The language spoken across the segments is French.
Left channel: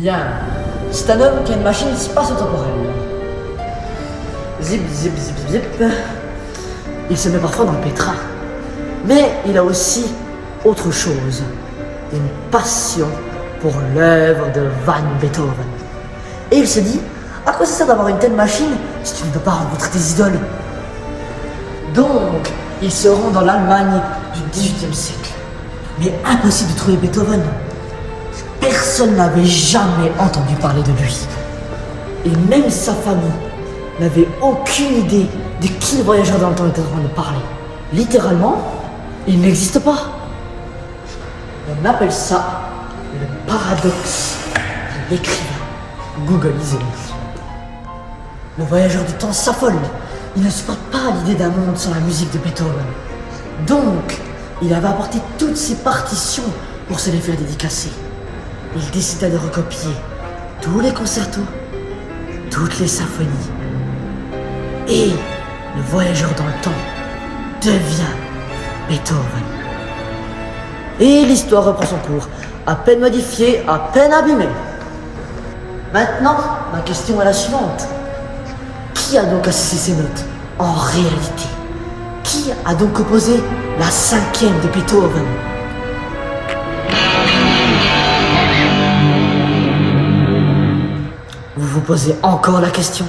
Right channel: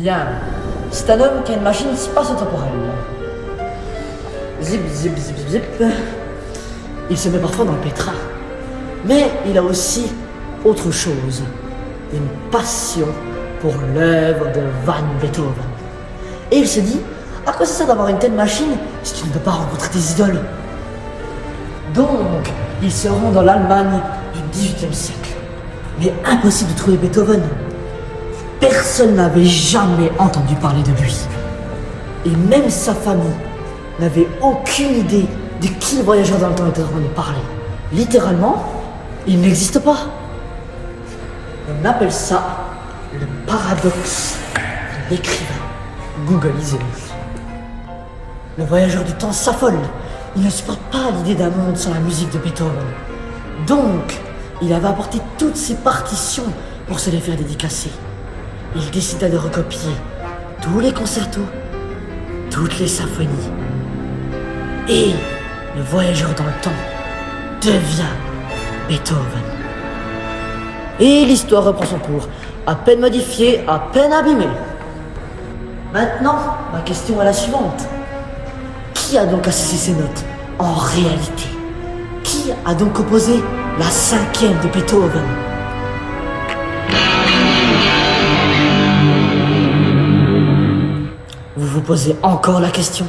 Bien. C'est un homme qui a une machine spatio-temporelle. Zip, zip, zip, zip, zip. Il se met parfois dans le pétrin. Mais il a aussi autre chose. Une passion pour l'œuvre de Van Beethoven. Et il se dit, à quoi ça sert d'avoir une telle machine si tu ne peux pas rencontrer tes idoles? Donc, il se rend dans l'Allemagne du XVIIIe siècle. Mais impossible de trouver Beethoven. Personne n'avait jamais entendu parler de lui. Et même sa famille n'avait aucune idée de qui le voyageur dans le temps était en train de parler. Littéralement, il n'existe pas. On appelle ça le paradoxe de l'écrivain. Googleisez-le. Le voyageur du temps s'affole. Il ne supporte pas l'idée d'un monde sans la musique de Beethoven. Donc, il avait apporté toutes ses partitions pour se les faire dédicacer. Il décida de recopier tous les concertos, toutes les symphonies. Et le voyageur dans le temps devient Beethoven. Et l'histoire reprend son cours, à peine modifiée, à peine abîmée. Maintenant, ma question est la suivante. Qui a donc associé ces notes en réalité? Qui a donc composé la 5e de Beethoven? Vous vous posez encore la question?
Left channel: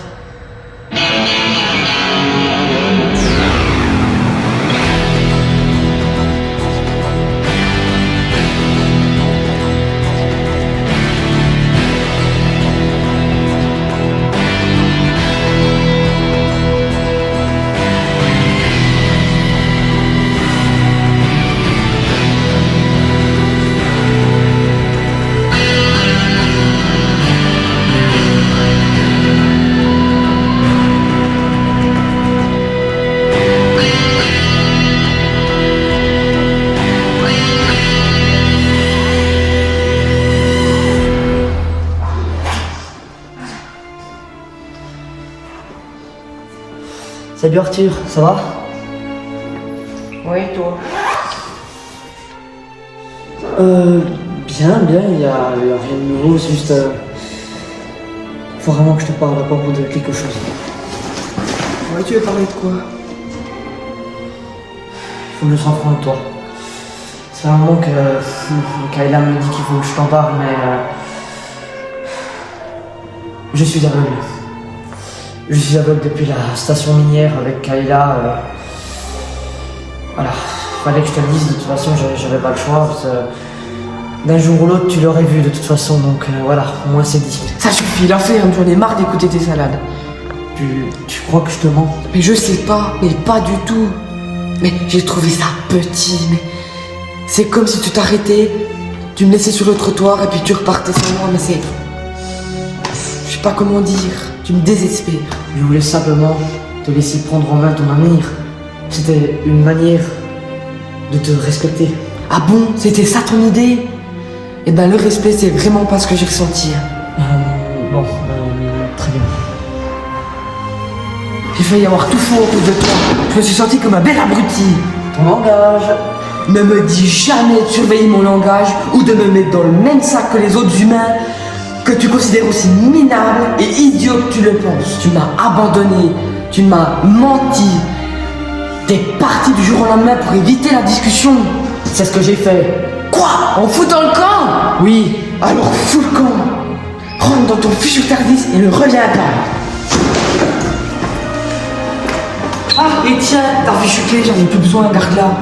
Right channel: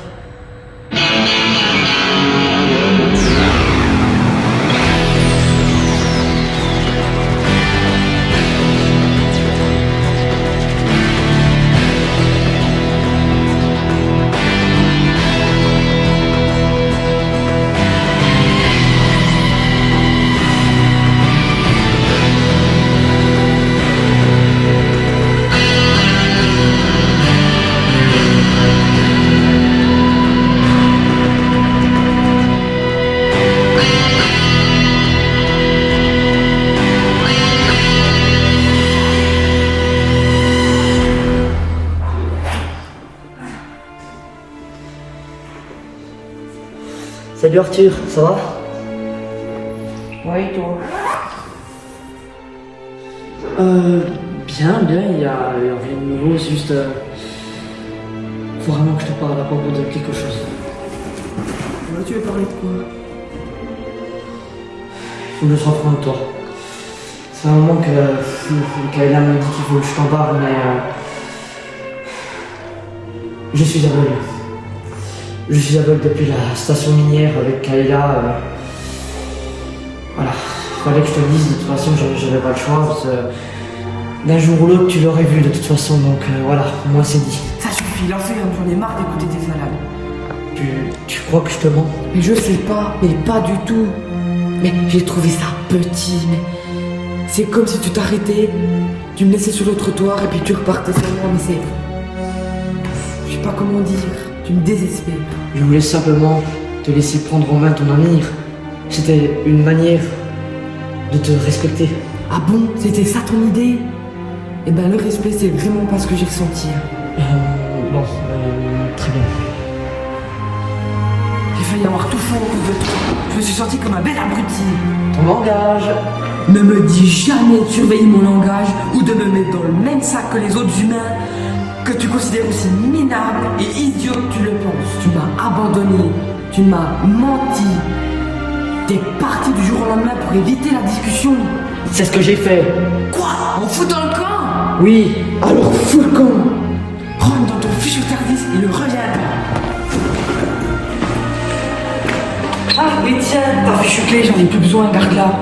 Salut Arthur, ça va? Oui, toi. Bien, il y a rien de nouveau, c'est juste... faut vraiment que je te parle à propos de quelque chose. Ouais, tu veux parler de quoi? Faut que je sois franc de toi. C'est un moment que Kayla me dit qu'il faut que je t'en parle, mais... je suis aveugle. Je suis aveugle depuis la station minière avec Kayla. Voilà, fallait que je te le dise, de toute façon j'avais pas le choix. Parce que d'un jour ou l'autre tu l'aurais vu de toute façon, donc voilà, moi c'est dit. Ça suffit, la ferme, j'en ai marre d'écouter tes salades. Tu crois que je te mens? Mais je sais pas, mais pas du tout. Mais j'ai trouvé ça petit, mais... C'est comme si tu t'arrêtais, tu me laissais sur le trottoir et puis tu repartais sans moi, mais c'est... Je sais pas comment dire, tu me désespères. Je voulais simplement te laisser prendre en main ton avenir. C'était une manière de te respecter. Ah bon, c'était ça ton idée? Eh ben le respect c'est vraiment pas ce que j'ai ressenti. Très bien. J'ai failli avoir tout faux à cause de toi. Je me suis senti comme un bel abruti. Ton langage. Ne me dis jamais de surveiller mon langage ou de me mettre dans le même sac que les autres humains que tu considères aussi minable et idiot que tu le penses. Tu m'as abandonné, tu m'as menti. T'es parti du jour au lendemain pour éviter la discussion. C'est ce que j'ai fait. Quoi? On fout dans le camp? Oui. Alors fous le camp. Rentre dans ton fichu service et ne reviens pas. Ah, et tiens, ta fichu clé, j'en ai plus besoin, garde-la.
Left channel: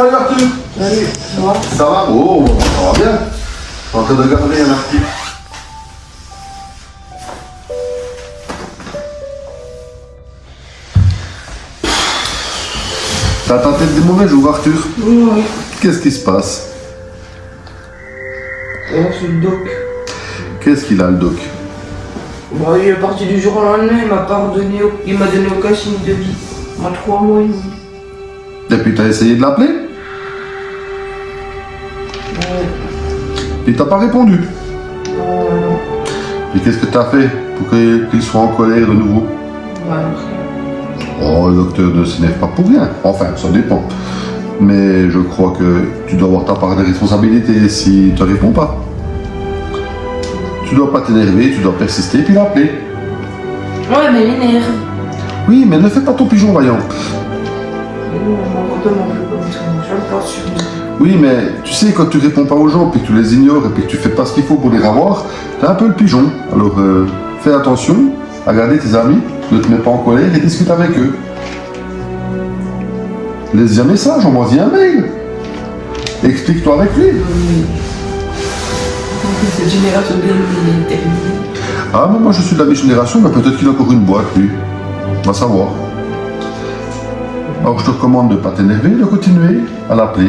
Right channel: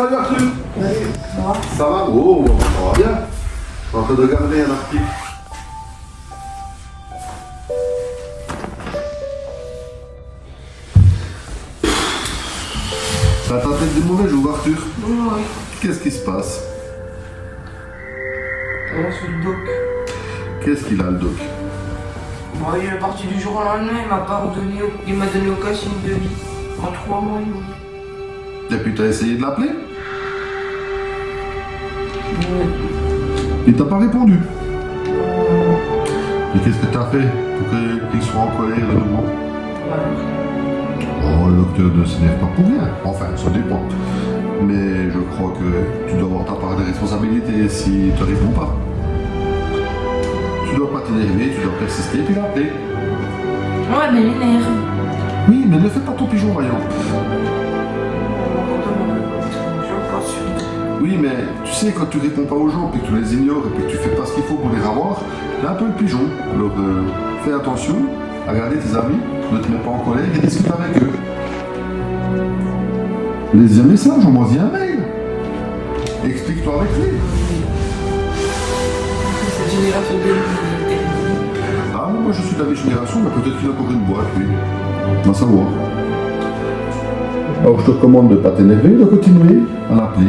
Salut Arthur. Salut, ça va? Ça va? Oh, ça va bien. En train de garder un article. T'as tenté des mauvais jours, Arthur? Oui. Qu'est-ce qui se passe? C'est le doc. Qu'est-ce qu'il a, le doc? Bah, il est parti du jour au lendemain, il m'a donné aucun signe de vie. En 3 mois et demi. Et puis t'as essayé de l'appeler? Il t'a pas répondu. Et qu'est-ce que t'as fait pour qu'il soit en colère de nouveau? Oh, le docteur ne s'énerve pas pour rien. Enfin, ça dépend. Mais je crois que tu dois avoir ta part de responsabilité si tu ne réponds pas. Tu dois pas t'énerver, tu dois persister et puis l'appeler. Ouais, mais il m'énerve. Oui, mais ne fais pas ton pigeon vaillant. Oui, mais tu sais, quand tu réponds pas aux gens, puis que tu les ignores et puis que tu fais pas ce qu'il faut pour les avoir, t'as un peu le pigeon. Alors, fais attention à garder tes amis, ne te mets pas en colère et discute avec eux. Laisse-y un message, envoie-y un mail. Explique-toi avec lui. Cette génération de est terminée. Ah, mais moi je suis de la vieille génération, mais peut-être qu'il a encore une boîte, lui. On va savoir. Alors je te recommande de ne pas t'énerver, de continuer à l'appeler.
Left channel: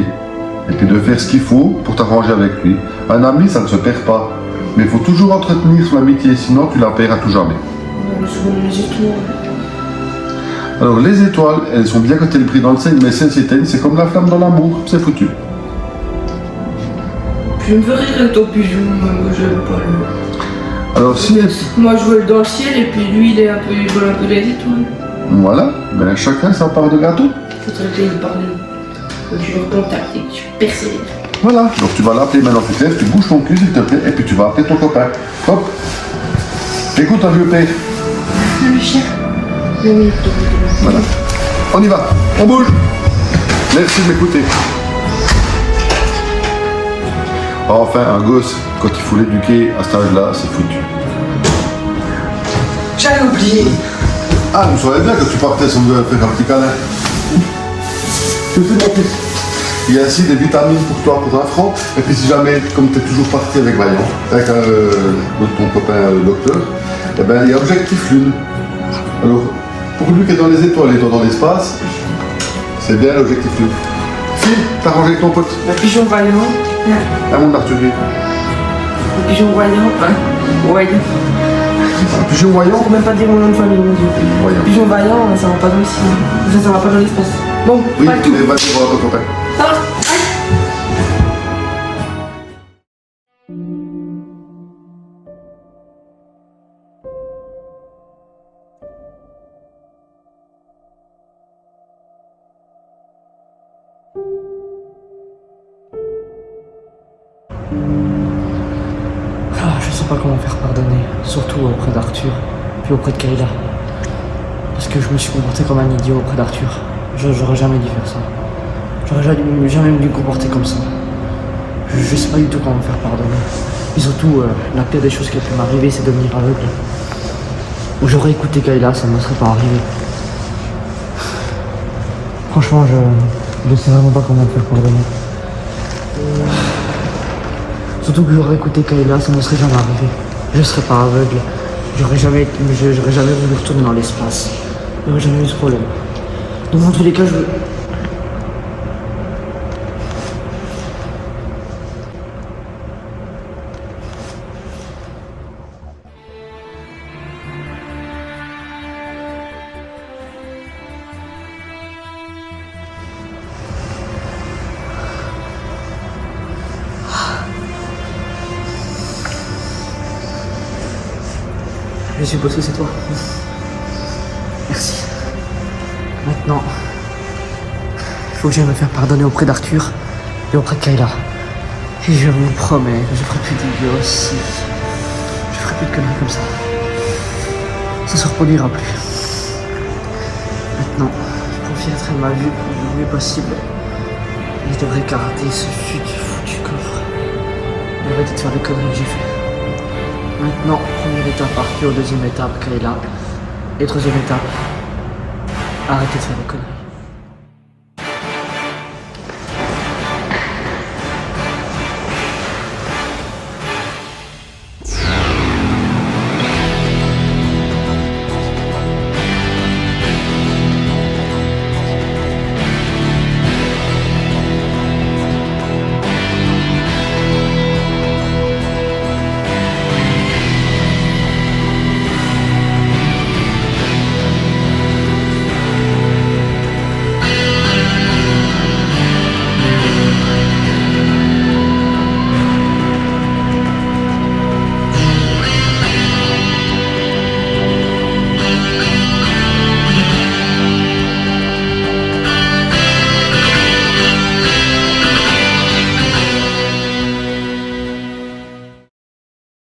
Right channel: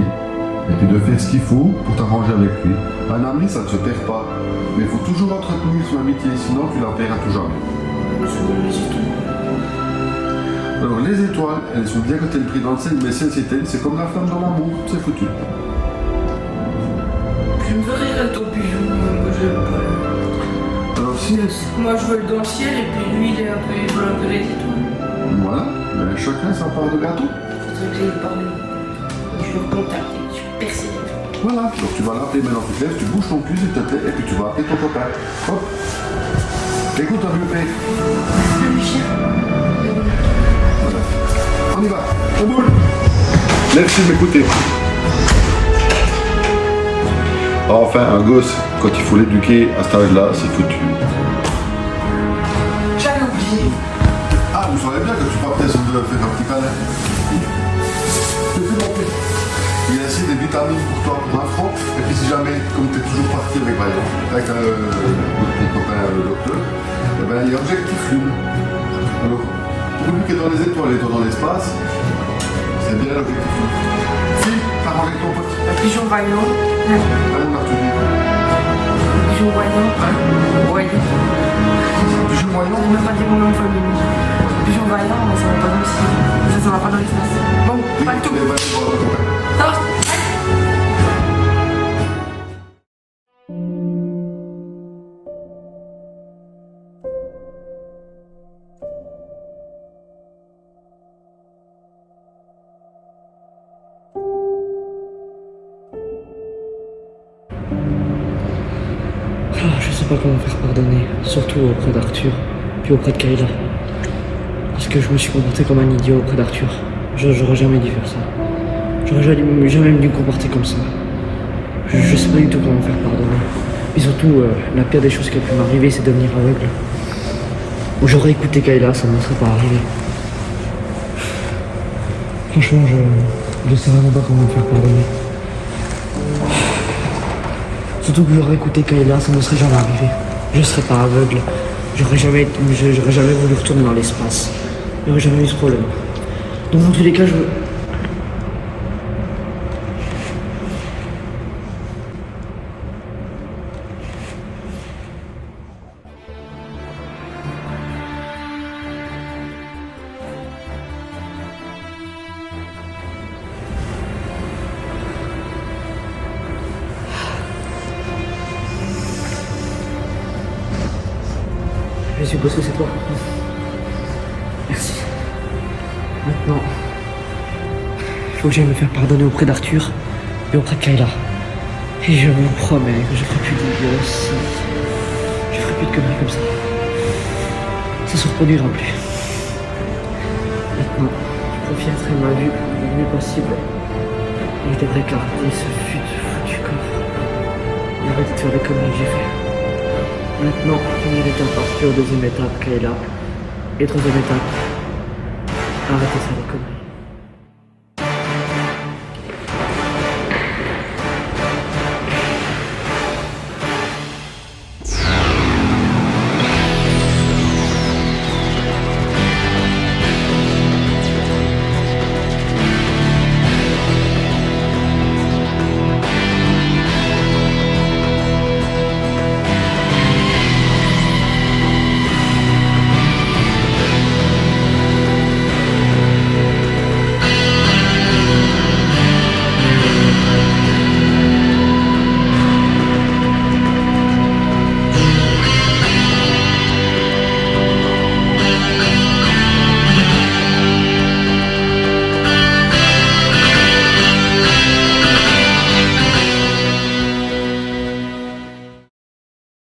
Et puis de faire ce qu'il faut pour t'arranger avec lui. Un ami, ça ne se perd pas. Mais il faut toujours entretenir son amitié, sinon tu la perds à tout jamais. Alors les étoiles, elles sont bien quand elles brillent dans le ciel, mais celles s'éteignent, c'est comme la flamme dans l'amour, c'est foutu. Je me ferai rester au pigeon, moi je veux pas lui. Alors si... Moi je vole dans le ciel et puis lui il vole un peu les étoiles. Voilà, mais chacun sa part de gâteau. Faudrait que j'aille parler. Faut que je le contacte et que je persévère. Voilà, donc tu vas l'appeler maintenant, tu te lèves, tu bouges ton cul s'il te plaît, et puis tu vas appeler ton copain. Hop. Écoute un vieux père. Le chien. Voilà. On y va, on bouge. Merci de m'écouter. Enfin, un gosse, quand il faut l'éduquer à cet âge-là, c'est foutu. J'avais oublié. Ah, vous savez bien que tu partais sans me faire un petit câlin. Mon fils. Il y a ainsi des vitamines pour toi pour un franc. Et puis si jamais, comme tu es toujours parti avec Vaillant, avec ton copain docteur, eh ben, il y a Objectif Lune. Alors, pour lui qui est dans les étoiles et toi dans l'espace, c'est bien l'Objectif Lune. Fille, t'as rangé avec ton pote. Le pigeon vaillant. À mon Arthurier. Le pigeon voyant. Voyant. Un pigeon voyant. Je peux même pas dire mon nom de famille, mon Dieu. Voyant. Le pigeon vaillant, ça va pas dans le ciel. Ça va pas dans l'espace. Bon, Oui, pas tout. mais vas-y voir ton copain. Je sais pas comment faire pardonner, surtout auprès d'Arthur, puis auprès de Kayla. Parce que je me suis comporté comme un idiot auprès d'Arthur. J'aurais jamais dû faire ça. J'aurais jamais dû me comporter comme ça. Je sais pas du tout comment me faire pardonner. Et surtout, la pire des choses qui a pu m'arriver, c'est devenir aveugle. Ou j'aurais écouté Kayla, ça ne me serait pas arrivé. Franchement, je sais vraiment pas comment me faire pardonner. Surtout que j'aurais écouté Kayla, ça ne me serait jamais arrivé. Je serais pas aveugle. J'aurais jamais voulu retourner dans l'espace. J'aurais jamais eu ce problème. Donc dans tous les cas, je veux... Je suppose que c'est toi. Merci. Maintenant, il faut que j'aille me faire pardonner auprès d'Arthur et auprès de Kayla. Et je vous promets que je ferai plus d'idiots aussi. Je ferai plus de conneries comme ça. Ça se reproduira plus. Maintenant, pour filtrer ma vue le mieux possible, je devrais garder ce foutu coffre. Et arrêter de faire des conneries que j'ai fait. Maintenant, première étape, Arthur, deuxième étape, Kayla. Et troisième étape, arrêtez de faire des conneries.